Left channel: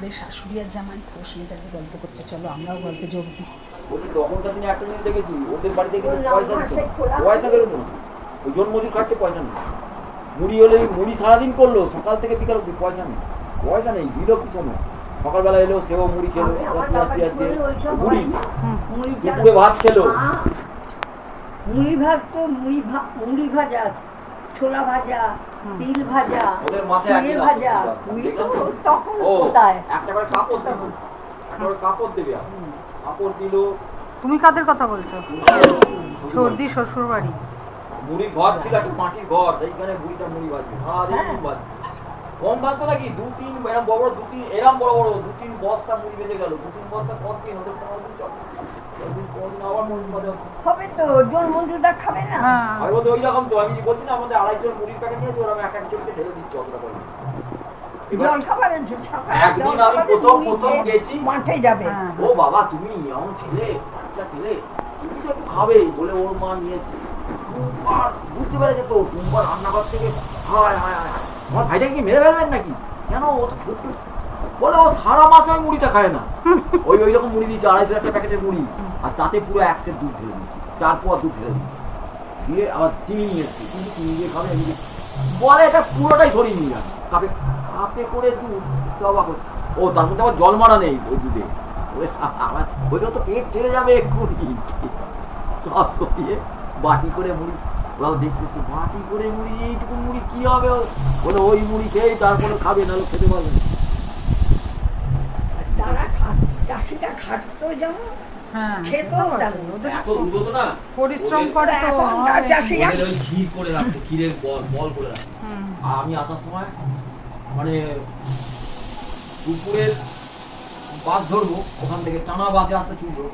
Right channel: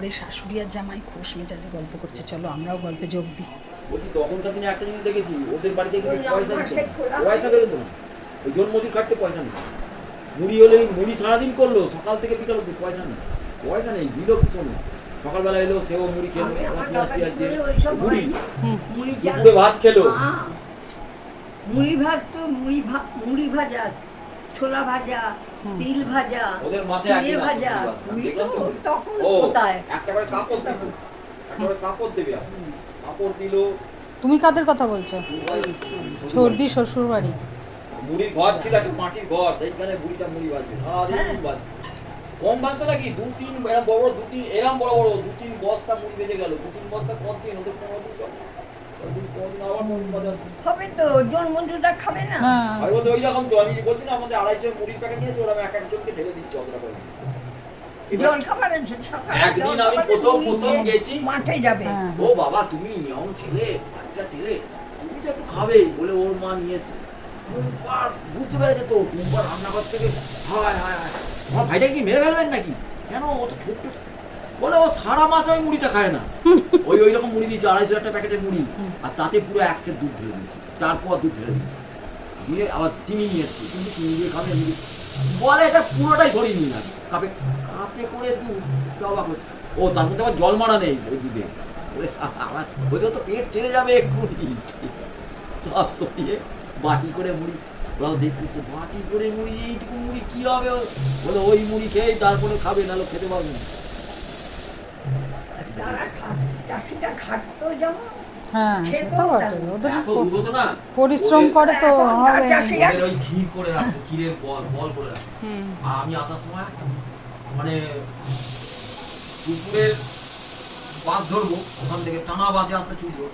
ঘরে শাশুড়ি আর জামাই খোশ মেজাজে গল্প করছে, চলো আমরাও গল্পে যোগ দিই। বলছি তখনকার দিনে একটা জিনিস দেখেছি, ওদের বাড়িতে কিন্তু পয়সা দিত না, পয়সা বেরোতো না, ওই জন মজুর খাটছে পয়সা নেই। মুড়ি হলে মুড়ি সারাদিন করলো, সকাল থেকে বিকাল অব্দি পয়সা নেই, পয়সা নেই, দিল কি শোনো, সকালবেলা এলো সেও মুড়ি খেলো, পেঁয়াজ টিয়াজ দিয়ে মুড়ি, দুপুরে ভাত খেলো, মুড়ি ভাত তো মুড়ি ভাজা, ছোলা ভাজা, তিল ভাজা, ওদের মাসে চিড়ে একদিন ভাজা, দেখলাম তো। তখন ও কোথায় একটা করে কাপড় দিত, একটা করে কাপড় দেবে, কাপড় দিল। তুমি কাদের কথা বলছো? সর্দি শ্বশুর বাড়ি মুড়ির ঘর ছিল, একটা মাটির ঘর, সেইখানে বুড়িটা মুড়ি ভাজবে, সারাদিন ভাজবে। কম ভাজতো নাকি, দু-তিন এরম বড় বড়, এরম বড় বড় 2-3 বস্তা মুড়ি ভেজে গেল, 2-3 বস্তা কতদিন, ওদের 15 দিন চল, কদিন আবার মুড়ি ভাজা হবে তো, জন মন্ডুটা খাবে না। আমি বলতে ওই রকম তো, আমি বলছি না আমাদের 250 মুড়ির প্যাকেট নিয়েছে, ওরা এক একজনকে ঢেলে দিচ্ছে অতটা করে। জল খাবেন সকালে, একদিন আমি প্রথম গেছি, মাঠে যাবে। ও বাবা তুমি ইয়ং ছেলে, বাচ্চা ছেলে, তুমি তো একটু খাবেই বলে ওর মা নিয়ে এসছে। টুম্পার বুঝতে পেরেছে তো, টুম্পার রান্নাঘর থেকে হায় হায় হায়, আমার ভাইটাকে কি মেরে ফেলবেন নাকি, কেন ও তো ছোট্ট, বলে ও সারা মাসে ওই মুড়িটা খায় না, ওই রকম মুড়ি দিয়েছে, 250 টাকা প্যাকেটের মুড়ি, আর তাতে পুরো 1 সের দুধ ঢেলে দিয়েছে, 4 পোয়া দুধ ঢেলে দিয়েছে, দিয়ে আবার চিনি নিয়ে এসছে, কিন্তু চিনি দিয়ে খাবে এমনি, বলে এটা পুরোটাই ধরিয়ে নিয়ে যাবে, কাপে কাপে করে দুধ, তো অবাক হচ্ছে। ও তার মধ্যে আবার জল মারা নেই ওই দুধে, আমার বলছে তো পেট ছেড়ে যাবে এক্ষুনি, সব সরিয়ে বাটি করে মুড়ি, ওরাও দেখতেছে বাটি করে মুড়ি, এইটুকু মুড়ি কি হবে, বলে ওই মুড়ি খেয়ে তারপরে খাবে, নাহলে খেতে পারবে না। তারা চাষিটা খাটতো যেমন, হ্যাঁ খেতেও সেটা বটে, জানে। ওদের এত উন্নত না, পরিশ্রম করে তো এখনকার হবে। চাষিরা ওদের ওই ঘি করে রাখতো, ক্ষীরের বল করে রাখতো। আর আমি আসার সময় মানে দুপুরের বাস ধরবো, ওখান থেকে টানা বাসে আসতে ছুটবো,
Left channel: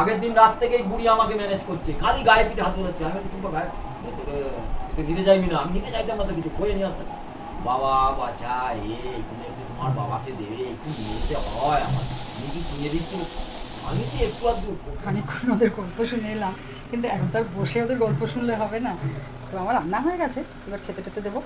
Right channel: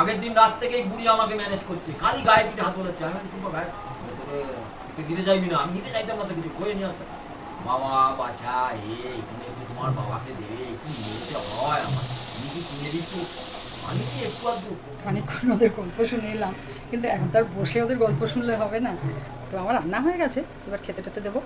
আগের দিন রাত থেকেই বুড়ি আমাকে ম্যানেজ করছে, খালি গায়ে পিঠে হাত বলেছে, আমি কিছু গায়ে তোকে দিতে চাইবি না, আমি নিতে চাইতাম না তো, কিছু কয়ে নিয়ে আসতাম, বাবা বাচ্চা এই তুমি একটু তোমার বাবাকে দেবে, একটু নিয়ে যেতে হয় আমার, আমি কি কিনে দিচ্ছি, আমি কি একটু আধটু খানিকক্ষণ ওদের গল্প শুনে এলাম, কিন্তু এখন তো আর বসে ওদের গল্প শুনলে হবে না, তো আমার রান্না হয়ে গেছে, এবার খেতে টেতে দেবো।